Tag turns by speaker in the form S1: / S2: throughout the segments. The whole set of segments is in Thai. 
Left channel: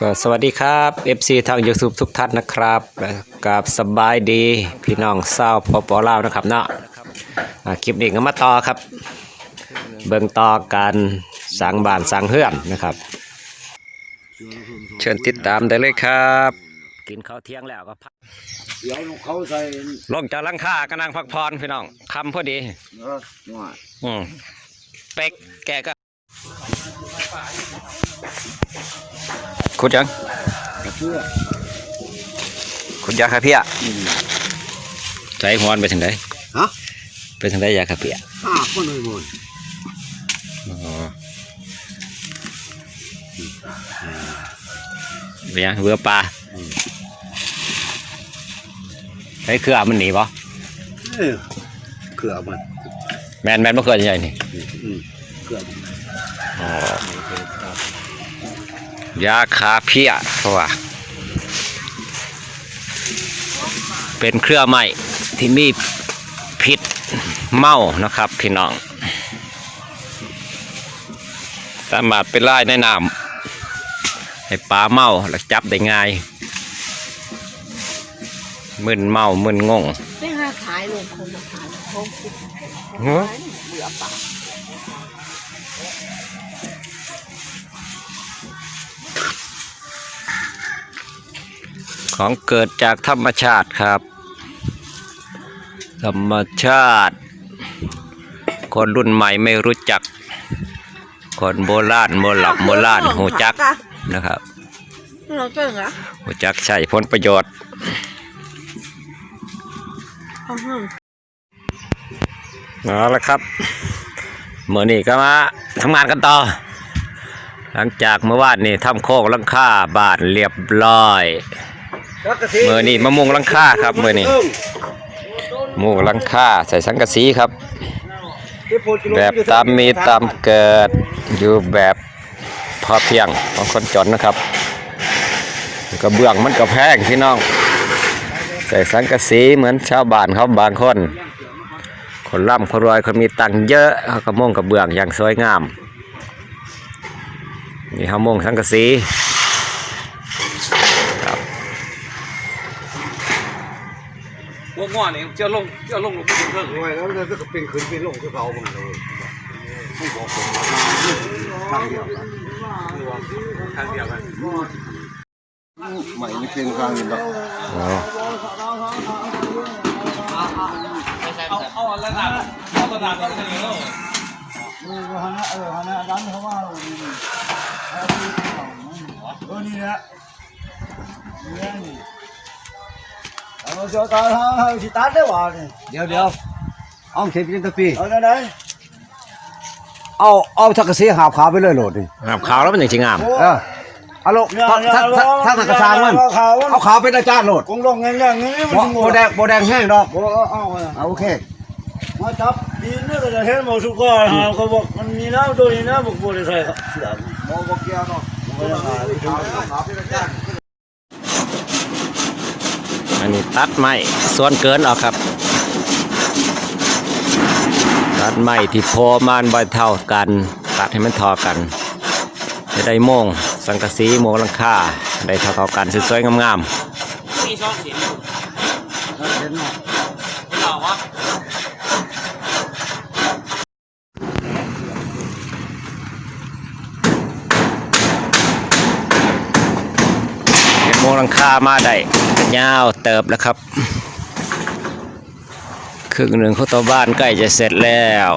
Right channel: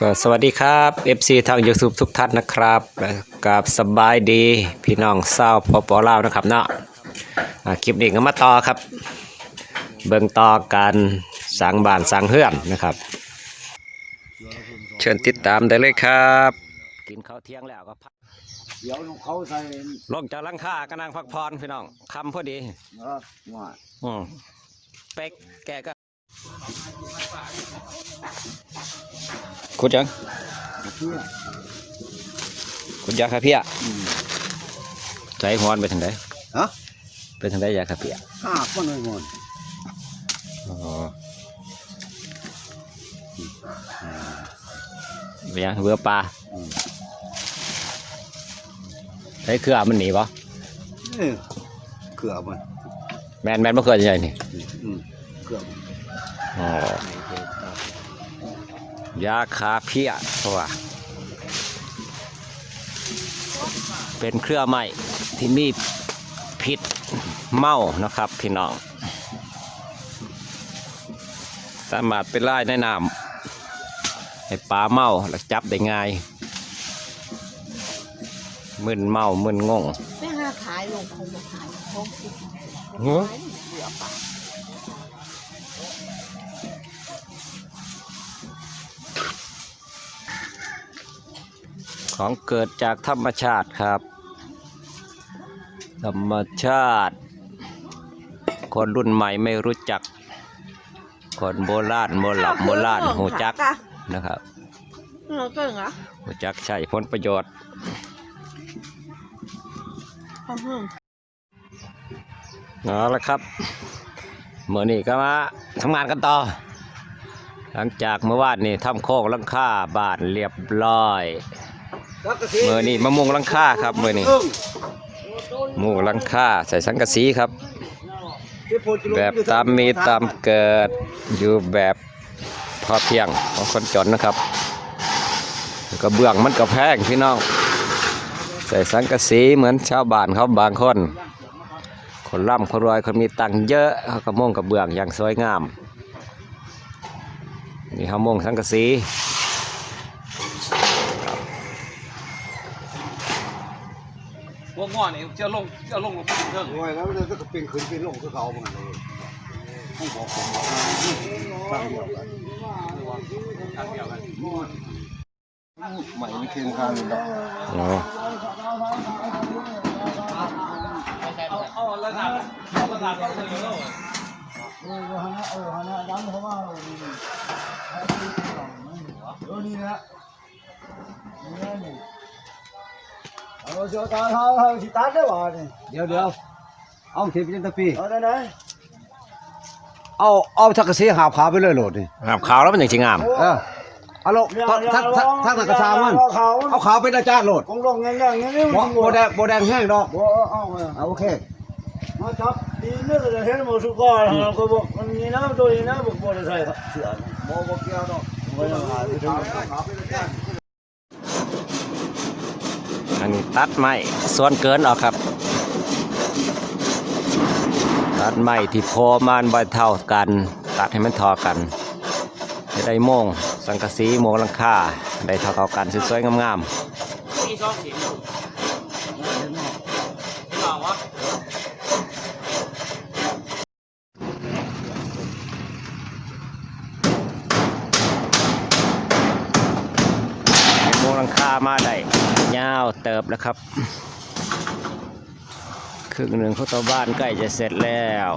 S1: ก็สวัสดีครับ FC ทาง YouTube ทุกท่านนะครับและกับสบายดีพี่น้องเศร้าวพอปอลาวนะครับเนาะอ่าคลิปนี้ก็มาต่อครับ เบิ่งต่อการสังบ้านสังเฮือนนะครับ เชิญติดตามได้เลยครับ กินข้าวเที่ยงแล้วก็พัก
S2: เดี๋ยวเขาใส่
S1: ลงจากหลังคากำลังพักผ่อนพี่น้องคำพอดี
S2: เออหน่อย
S1: อืมเป็กแกก็ ขุดยัง
S2: กระเพื่อ
S1: ขุดยาคาเพีย
S2: อืม
S1: ใจฮอนไปถึงไหน
S2: ฮะ
S1: ไปถึงไหนยาคาเพีย
S2: ห้าคนเลยหมด
S1: อ๋อเป็นยังเบื่อปลาไอ้ยเครือมันหนีปะ
S2: เอ้ยเขือมัน
S1: แมนแมนเมื่อคืนใหญ่นี่
S2: อืมเขือมัน
S1: อ๋อ ยาคาเพียเพราะว่า เป็นเครือไม้ที่มีพิษเมานะครับ พี่น้อง สามารถไปไล่ในน้ำให้ปลาเมาแล้วจับได้ง่ายมึนเมามึนงง
S3: ไปหาขายลงคนมาขายโฮมฟุต
S1: ฮะ
S3: เหลือปะ
S1: ของเกิดจากธรรมชาติครับ ธรรมชาติ คนรุ่นใหม่ไม่รู้จัก คนโบราณโบหลับโบราณหูจักนะครับ
S3: เราเก่งอะ
S1: หูจักใช้ผลประโยชน์
S3: เอาห้อง
S1: เอาละครับเมื่อนี้ก็มาทำงานกันต่อ หลังจากเมื่อวานนี่ทำโค้งหลังคาบ้านเรียบร้อยเมื่อนี้มะม่วงหลังคาครับเมื่อนี้มุงหลังคาใส่สังกะสีครับ แบบตามมีตามเกิดอยู่แบบพอเพียงของคนจนนะครับกระเบื้องมันก็แพงพี่น้อง ใส่สังกะสีเหมือนชาวบ้านเขาบางคน คนร่ำคนรวยคนมีตังค์เยอะเขาก็มุ่งกระเบื้องอย่างสวยงามนี่เขามุ่งสังกะสีครับ
S4: พวกง้อนี่เจ้าลงเจ้าลงลงไปบนเครื่อง
S2: หน่อยแล้วจะก็เป็นขึ้นเป็นลงคือเขามันเลยที่บอกผมว่าทางเดียวกัน
S4: ทางเดียวกัน
S2: ใหม่ไม่เพียงกันแบบ
S1: อ๋อ
S4: เอาระดับเอาระดับตรงนี้เนาะ
S2: เออฮะเออฮะดันเขามาเออนี่นะนี่นี่ เอาเสียตาเขาสิตัดได้หว่านี่เดี๋ยวเดี๋ยวเอาเข็มยิงกะปีเอาไหนเอาเอาทักกะสีหาบขาไปเลยโหลดนี่
S1: ครับขาวแล้วมันอย่างจริงงาม
S2: เออเอาลูกถ้าถ้าถ้าถ้ากระชางมันเอาขาวเป็นอาจารย์โหลด
S5: คงลงง่ายๆงี้
S2: โบโบแดงโบแดงแห้งดอก
S5: โอ้เอา
S2: เอาโอเค
S5: มาจับดีนี่ก็จะเห็นหมดสุกรหาเขาบอกมันมีน้ำตัวนี้นะบอกบัวได้ใส่เสือ
S2: โบโบเกียวดอก
S5: โอ้ยมาดู
S2: ขาวขาวเป็นอาจารย์
S1: อันนี้ตัดไม้ส่วนเกินออกครับ ตัดไม้ที่พอมานใบเท่ากัน ตัดให้มันทอกันจะได้โมง สังกะสีโมงลังคาได้เท่าเท่าๆกันสวยๆงาม
S4: ๆช่องเสียงต่อวะ
S1: ๆโม งหลังคามาได้ยาวเติบแล้วครับครึ่งหนึ่งของตัวบ้านใกล้จะเสร็จแล้ว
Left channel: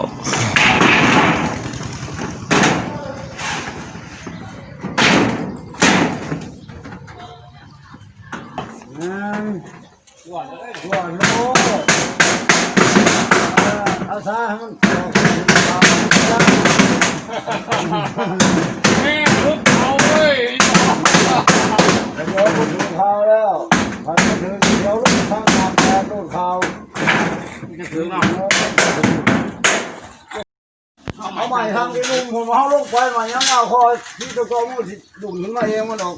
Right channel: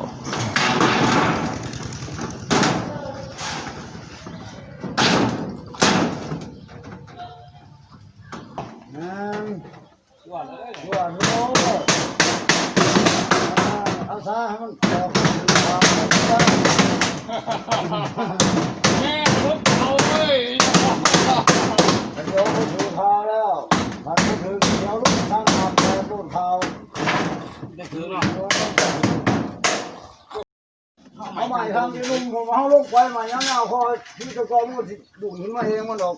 S4: แล้
S5: วพอพูดถึงเดี๋ยวลูกข้างทำแล้วพูดข่าว
S4: จะถึงอะ
S5: เอาใหม่ทางที่นุ่มผมเอาลูกไฟมายังเอาคอที่ตะกอมือดุ่นขึ้นมาเองมันออก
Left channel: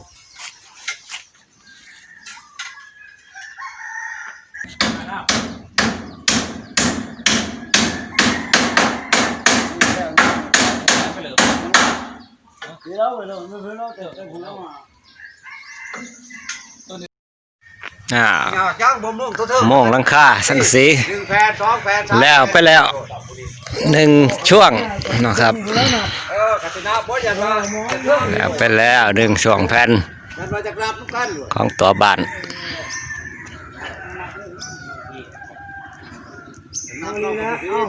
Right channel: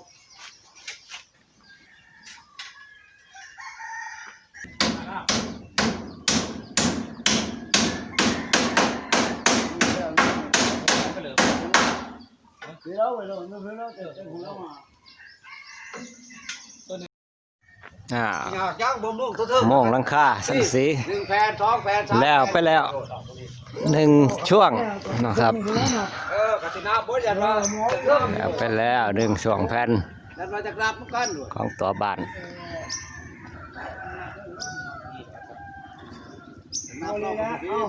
S5: เดี๋ยวไปเลยไม่เป็นไรเดี๋ยวไปพูดแล้วมา
S1: อ่า
S6: ย่างบ่มลูกตัวเธอ
S1: โมงหลังคาสังกะสี
S6: หนึ่งแผ่นสองแผ่นสาม
S1: แล้วไปแล้วหนึ่งช่วงนะครับ
S6: เออคาตินาบ่อย่างว่า
S1: แล้วไปแล้วหนึ่งช่วงแผ่น
S6: มันมาจากรับกันอยู่
S1: ของตัวบ้าน
S6: เอานี่นะเอา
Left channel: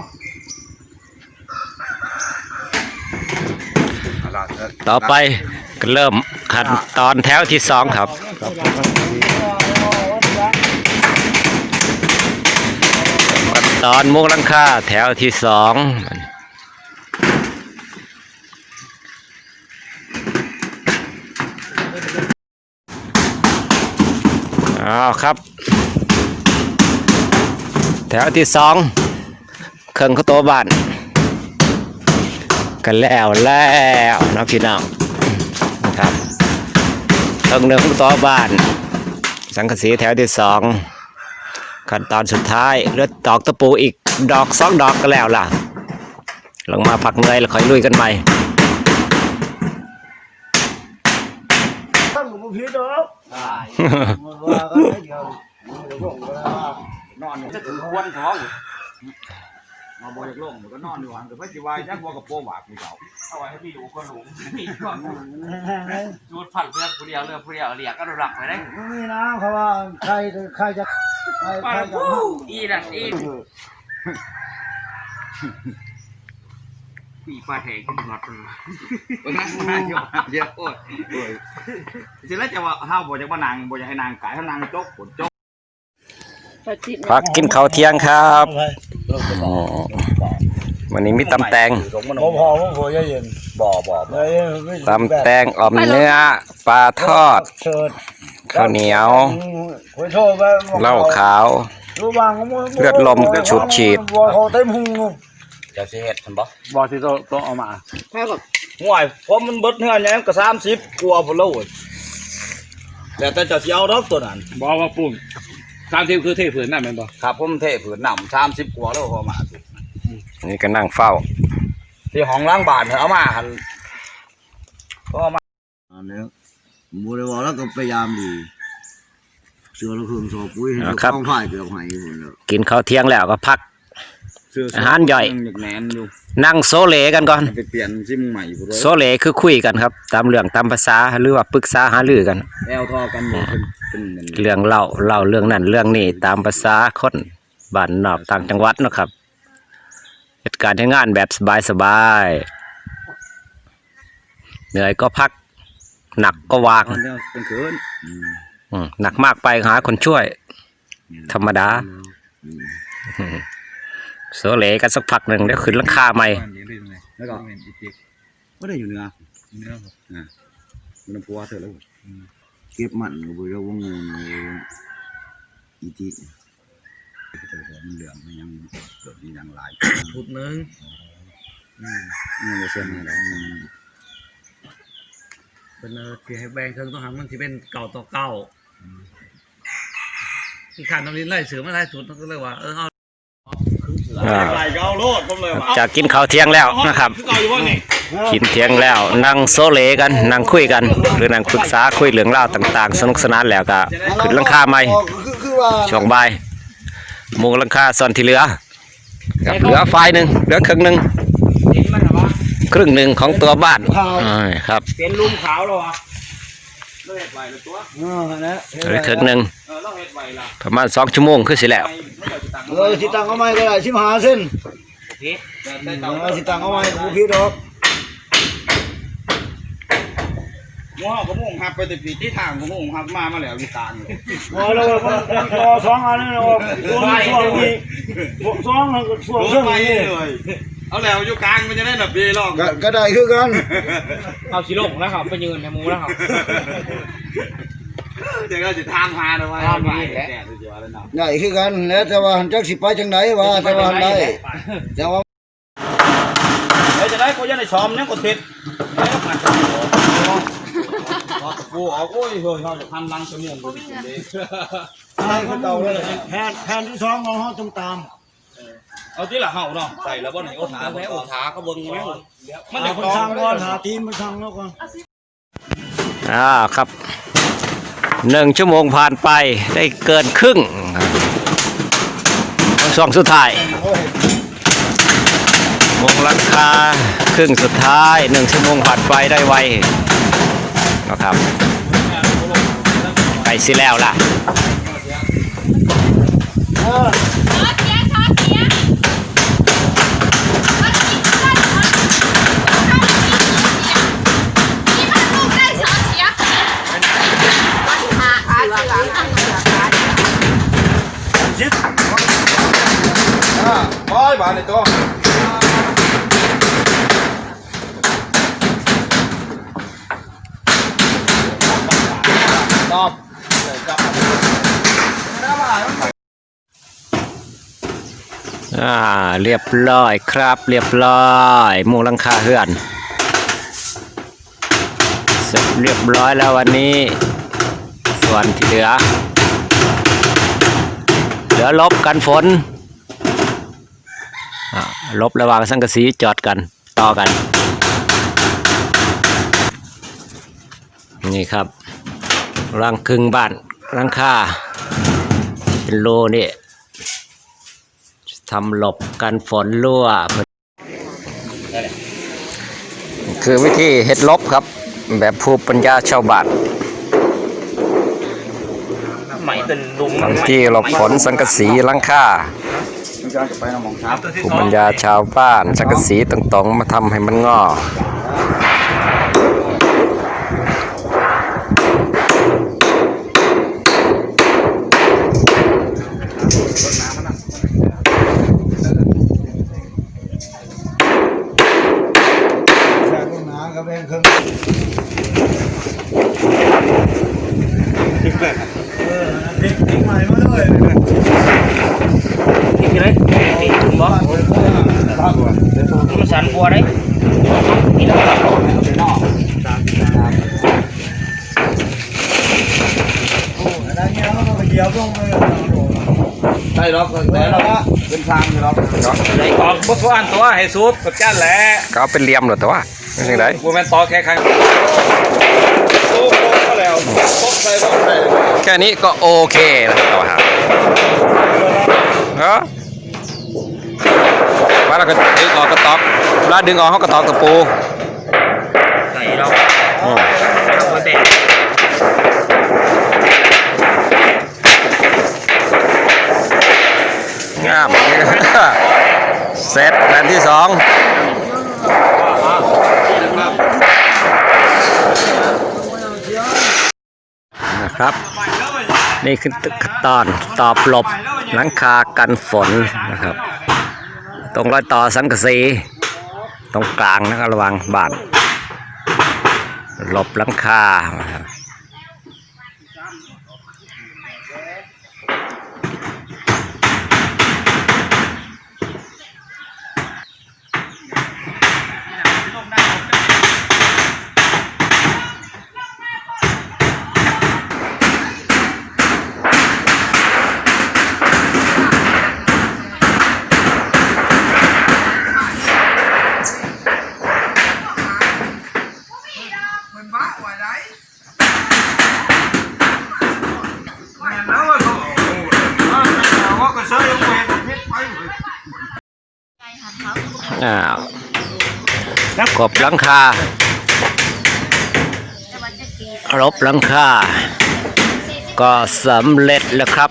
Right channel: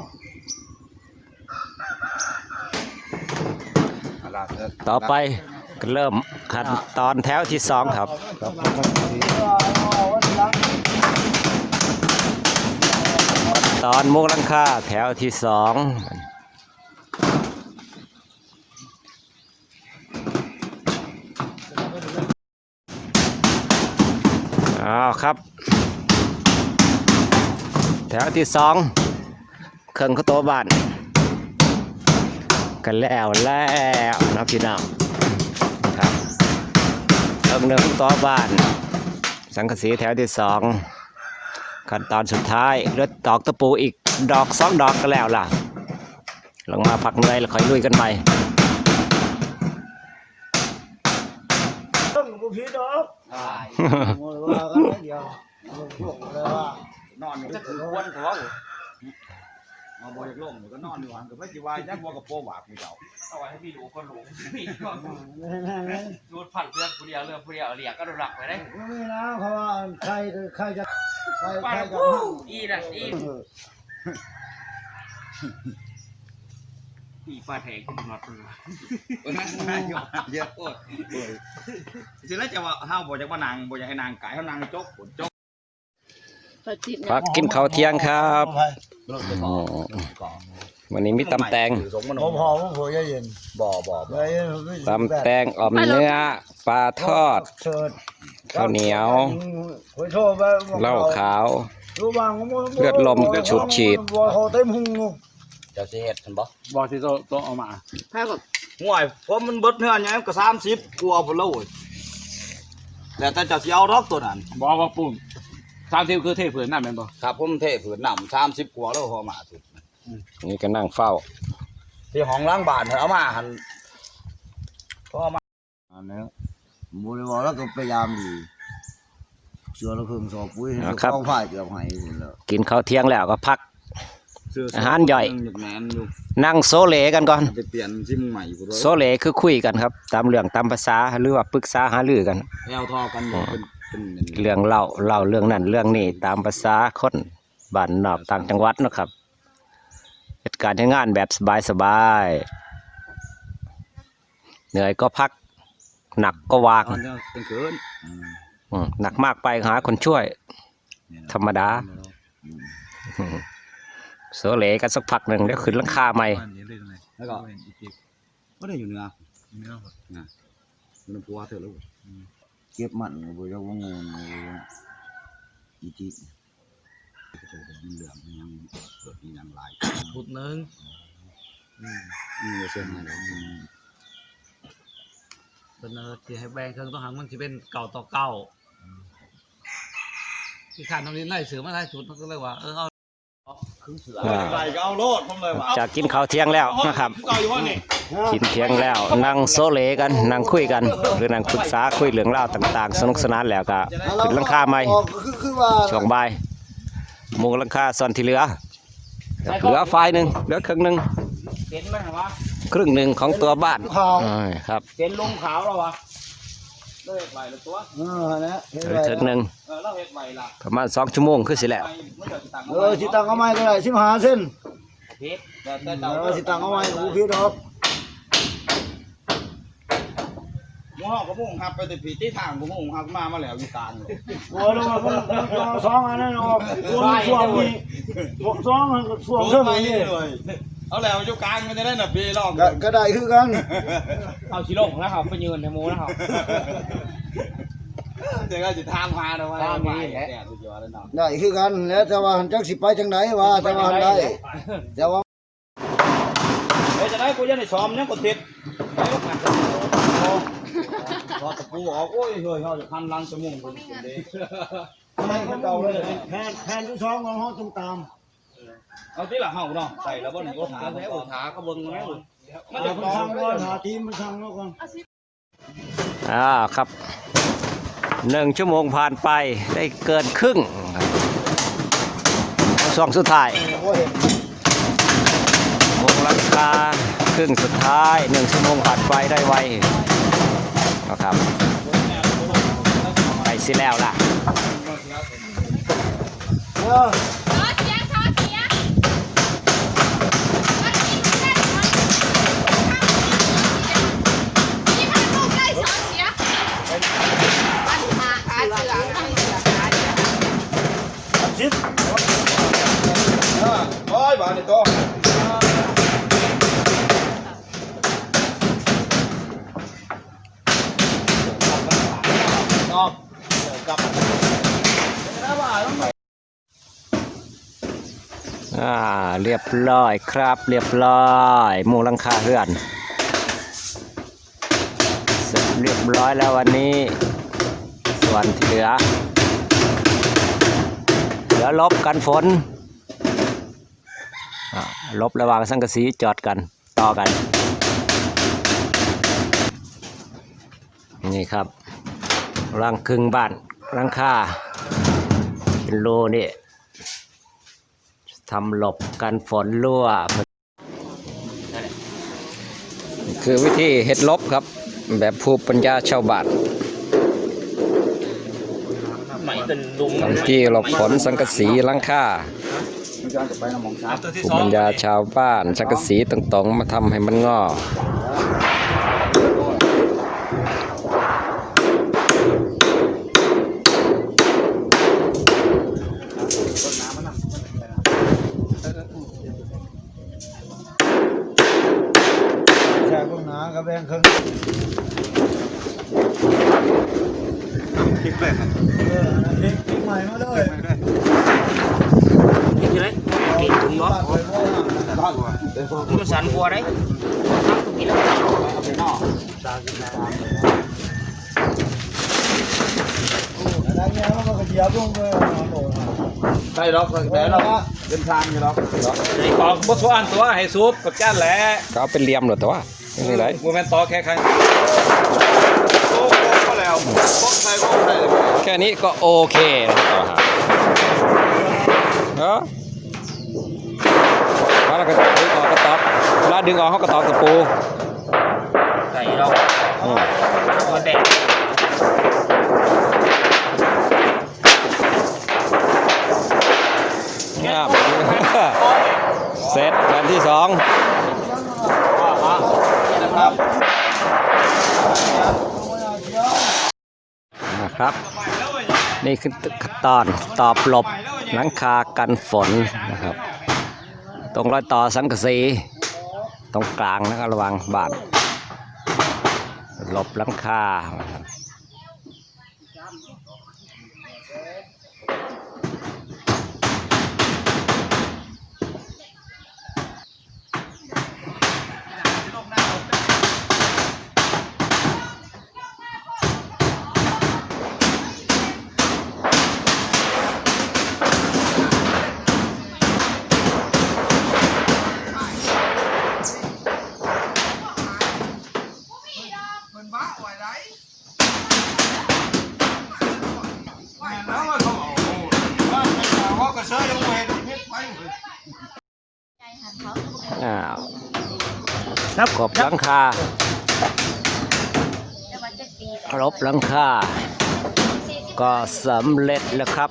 S1: ต่อไปก็เริ่มขั้นตอนแถวที่สองครับ ตอนมุกลังค่าแถวที่สองเอาวครับ แถวที่สองเครื่องข้าวโตวบ้านกันแล้วแล้วนะพี่น้องครับเครื่องหนึ่งข้าวโตวบ้าน สังกะสีแถวที่สอง ขั้นตอนสุดท้ายเลือดตอกตะปูอีกดอกสองดอกก็แล้วล่ะ ลงมาพักเหนื่อยแล้วค่อยลุยกันใหม่
S5: ต้องบุพีดอกว่ากันไม่เดียวเดี๋ยวผมก็ได้ว่าน
S6: อนจะถือควนเขามาบ่อยากลงก็นอนอยู่หันกับพระจิวายจักบ่กับโปหวากมีเขา
S4: เอาไว้ให้พี่ดูก็รู้พี่ก็ดูดผัดเรื่องผู้เดียวเรื่องผู้เดียวเรียกก็รักไปได้
S5: ไม่มีนะเพราะว่าใครใครจะ ใครใครจะ
S4: อีนั่นอีปีปลาแทงขึ้นน็อตมัน
S6: วันนั้นมาอยู่เยอะโอ้ยโอ้ยจริงแล้วจะว่าห้าบ่อยากมานางบ่อยากให้นางกายให้นางจกผลจก
S3: ปฏิด
S1: พักกินข้าวเที่ยงครับอ๋อวันนี้มีตำแตง
S5: ผมพอผมพอเย็น
S6: บ่บ่
S5: เลย
S1: ตำแตงอ่อมเนื้อปลาทอด
S5: เชิด
S1: ข้าวเหนียว
S5: คุยโทษไป
S1: เหล้าขาว เลือดลมฉุบฉีด
S5: เขาเต็มหุง
S6: เจ้าสิเฮ็ดเพิ่นบ่
S4: บอที่โตโตเอามา
S3: พายบอก
S6: ห่วยผมมันเบิดเฮือนหยังก็30กว่าพุ่นแล้วเว้ยแล้วแต่เจ้าสิเอาดอกตัวนั้น
S4: บอกว่าปุ่มสามทีคือเทผืนนั่นเป็นบ่
S6: ครับผมเทผืนน้ำ30กว่าแล้วพอมา
S1: นี่ก็นั่งเฝ้า
S6: ที่ห้องล้างบ้านเอามาหั่นก็เอามา
S5: อันนี้บริวารแล้วก็พยายามดีเสือละครึ่งโซปุ้ยต้องฝ่ายเกือบหายหมดแล้ว
S1: กินข้าวเที่ยงแล้วก็พัก
S6: เสื้อ
S1: อาหารย่อย
S6: ยังแหนนอยู่
S1: นั่งโซเลกันก่อน
S6: ไปเปลี่ยนซิมใหม่พุ่น
S1: โซเลคือคุยกันครับ ตามเรื่องตามภาษาหรือว่าปรึกษาหารือกัน
S6: แอลทอกันอยู่เป็นเป็น
S1: เรื่องเล่าเล่าเรื่องนั้นเรื่องนี้ตามภาษาคนบ้านนอกต่างจังหวัดเนาะครับ เหตุการณ์ที่งานแบบสบายๆเหนื่อยก็พัก หนักก็วาง
S6: ตอนเดียวเป็นคืนอืม
S1: อืมหนักมากไปหาคนช่วย
S6: นี่แหละ
S1: ธรรมดา
S6: อืม
S1: อืมโซเลกันสักพักหนึ่งเดี๋ยวขึ้นหลังคาใหม่
S6: แล้วก็ไม่ได้อยู่เหนือเหนือนะมันำพัวเถอะแล้วเก็บมันก็บ่ได้ว่างูอีจิ เจอหัวมันเหลืองมันยังโดดมีดังหลาย
S4: พุดนึง
S6: อืมยังบ่เส้นให้ดอกมัน
S4: เป็นเออที่ให้แบ่งเครื่องต้องหามันที่เป็นเก่าต่อเก่าที่ขาดน้ำลิ้นไล่เสือมาไล่สุดมันก็เลยว่าเออเอา
S1: อ่า
S6: ไหลก็เอาโลดผมเลยว่า
S1: จากกินข้าวเที่ยงแล้วนะครับ
S4: คือเก่าอยู่ว่านี่
S1: กินเที่ยงแล้วนั่งโซเลกันนั่งคุยกัน หรือนั่งปรึกษาคุยเรื่องเล่าวต่าง ๆ สนุกสนานแล้วก็ขึ้นหลังคาใหม่
S5: คือคือว่า
S1: ช่วงบ่ายห มุงหลังคาส่วนที่เหลือกับเหลือฝ่ายหนึ่งเหลือครึ่งหนึ่งครึ่งหนึ่งของตัวบ้านอ่าครับ
S4: เป็นลุมขาวแล้วอะ
S6: เราเฮ็ดไว้แล้วตัว
S5: อ่านะ
S1: เหลือครึ่งหนึ่ง
S6: เออเราเฮ็ดไว้ล่ะ
S1: ประมาณสองชั่วโมงคือสิแล้ว
S6: ไปไม่ได้สิตังค์
S5: เออสิตังเอาไม้ก็ได้สิบห้าเส้น
S6: แต่แต่
S5: เอ
S6: เจ้า
S5: อสิตังเอาไม้บุพีดอก
S6: หม้อก็มุ่งหับไปติดปีที่ทางก็มุ่งหับมามาแล้วอยู่ตาง
S5: โอ้เรามันต่อสองอันนี้เนาะช่วงช่วงนี้สองช่วง
S6: รู้
S5: ช่วง
S6: ไหม
S5: นี้
S6: เลย เอาแล้วอยู่กลางมันจะได้แบบปีลอง
S5: ก็ก็ได้คือกัน
S4: เอาชิโร่แล้วครับไปยืนในมูแล้วครับ
S6: เดี๋ยวก็จะทานพาเลยว่าใหม่แก่ดูสิว่าแล้วเนาะ
S5: ได้คือกันแล้วแต่ว่าจักสิไปจังไดว่าแต่ว่าได้แต่ว่า
S6: เฮ้ยจะได้กูจะได้ซ้อมยังกดติด ซ้อมกูออกโอ้ยเฮ้ยเขาจะทำรังจมูก
S5: ทางคือเก่าเลยแผนแผนที่สองของเฮาต้องตาม
S6: เอาที่ละเห่าเนาะใส่แล้วบ่ไหนโอถาแม่โอถาเขาเบิ่งแม่มันจะ
S5: คน
S6: ต้อง
S5: สั่งก่อนหาทีมมาสั่งแล้วก่อน
S1: อ่าครับหนึ่งชั่วโมงผ่านไปได้เกินครึ่งช่วงสุดท้ายมุงลังคาครึ่งสุดท้ายหนึ่งชั่วโมงผ่านไปได้ไว นะครับไปสิแล้วล่ะ
S5: ร้อยบาทในตัว ตอบเลยกลับมา
S1: อ่า เรียบร้อยครับ เรียบร้อยมุงลังคาเฮือนเสร็จเรียบร้อยแล้ววันนี้ ส่วนที่เหลือ เหลือลบกันฝนลบระหว่างสังกะสีจอดกันต่อกัน นี่ครับรังครึ่งบ้านรังคาเป็นโลนี่ ทำหลบกันฝนรั่ว คือวิธีเฮ็ดลบครับ แบบภูมิปัญญาชาวบ้าน
S4: ไหมเป็นลุม
S1: ทำที่หลบฝนสังกะสีหลังคาภูมิปัญญาชาวบ้าน สังกะสีต่างๆมาทำให้มันงอ
S6: แช่ห้องน้ำกับแม่งครึ่งทิ้งใหม่มาเลย
S4: กินเลยนี่ถุงบ่ มัวได้กินแล้ว
S6: ดังเงี้ยก็ต้องเหยียบลย
S5: ใช่หรอกแต่ละเป็นทางอยู่หรอก
S4: ใส่ความบุษอันตัวให้สุดประกันแหละ
S1: ก็เอาเป็นเหลี่ยมหรอต่ว่าไม่ใช่ไร
S4: บัวแมนต่อแค่ครั้ง
S5: โอ้โหแล้วพกใส่พกใส่เลย
S1: แค่นี้ก็โอเคแล้วต่อฮะเนาะ ว่าเราก็ดึงออกกระตอกเวลาดึงออกเขากระตอกตะปู
S4: ใส่เรา
S1: อืม
S4: บัวแตก
S1: งามเสร็จแผ่นที่สอง
S5: นะครับ
S1: นะครับ นี่คือขั้นตอนตอบหลบหลังคากันฝนนะครับ ตรงรอยต่อสังกะสีตรงกลางนะครับระวังบ้านหลบหลังคา บหลังคารบหลังคา ก็สำเร็จแล้วครับ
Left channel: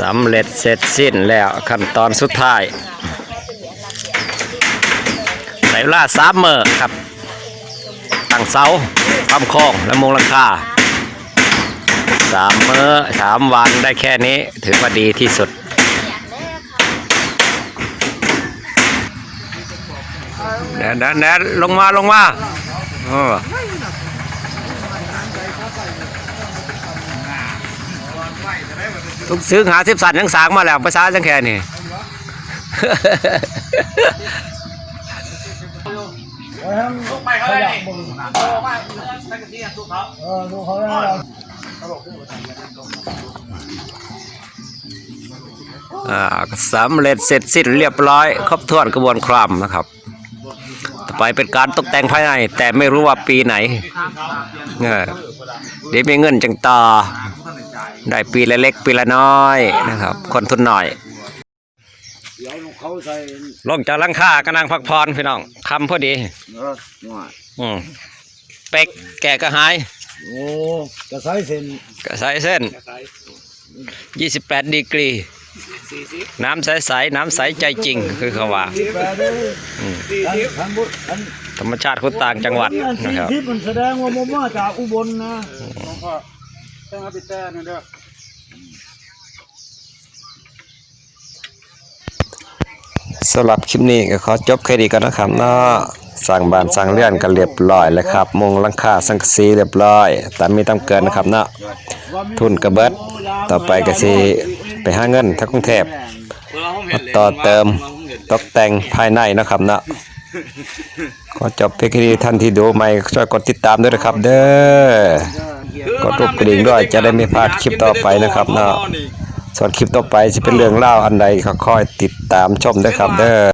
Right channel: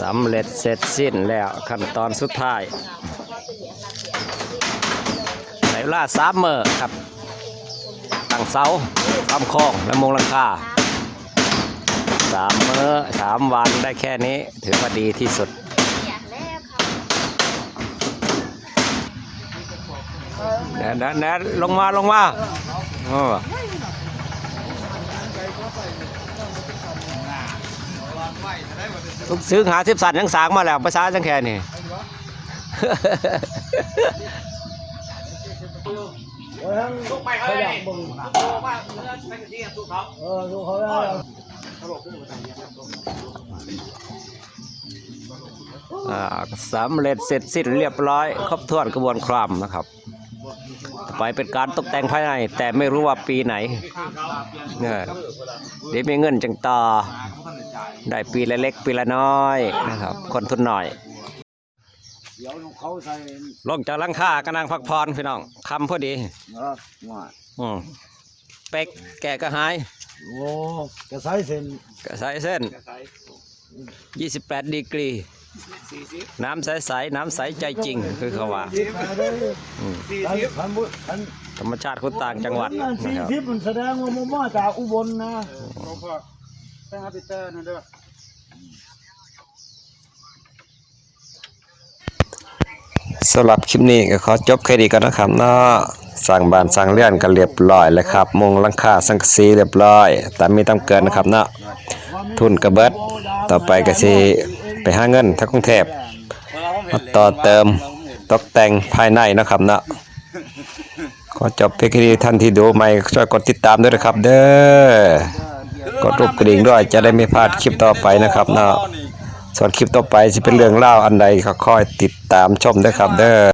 S1: สำเร็จเสร็จสิ้นแล้วขั้นตอนสุดท้ายใส่เวลาสามเมอครับ ตั้งเสาความค้งและมุงหลังคาสามเมื่อสามวันได้แค่นี้ถือว่าดีที่สุด เดี๋ยวเดี๋ยวเดี๋ยวลงมาลงมาเออทุกซื้อหาสิบสันยังสางมาแล้วภาษาจังแค่นี้
S4: ไปเขาเลยนี่าไปเนื้อสังกเขา
S6: ลูกเขาเสำ
S1: เร็จเสร็จสิ้นเรียบร้อย ครบถ้วนกระบวนความนะครับ ไปเป็นการตกแต่งภายใน แต่ไม่รู้ว่าปีไหนเออเดี๋ยวมีเงินจังต่อ ได้ปีละเล็กปีละน้อยนะครับ คนทุนหน่อย
S5: เดี๋ยวเขาใส่
S1: ลงจากหลังคากำลังพักผ่อนพี่น้องคำพอดี
S5: เออว่า
S1: อืมเป็กแกะกระหาย
S5: โอ้กระใส่เส้น
S1: กระสายเส้น28ดีกรี น้ำใสๆน้ำใสใจจริงคือเขาว่า
S5: ที่แปดเลย
S1: อืม
S5: อันอันบุอัน
S1: ธรรมชาติคนต่างจังหวัด
S5: อัน
S1: นะ
S5: สี่
S1: ครับ
S5: ทิศมันแสดงว่ามันมาจากอุบลนะ
S6: ต้องเอาไปแต้นั่นเด้อ
S1: สำหรับคลิปนี้ก็ขอจบแค่นี้ก่อนนะครับเนาะสั่งบ้านสั่งเรือนกันเรียบร้อยแล้วครับมุงหลังคาสังกะสีเรียบร้อยตามมีตามเกินนะครับเนาะทุนกระเบิดต่อไปก็สิ ไปหาเงินทั้งกรุงเทพมาต่อเติมตกแต่งภายในนะครับเนาะขอจบเพียงแค่นี้ท่านที่ดูใหม่ช่วยกดติดตามด้วยนะครับ เด้อกดรูปกระดิ่งด้วยจะได้ไม่พลาดคลิปต่อไปนะครับเนาะส่วนคลิปต่อไปจะเป็นเรื่องเล่าอันใดก็ค่อยติดตามชมด้วยครับ เด้อ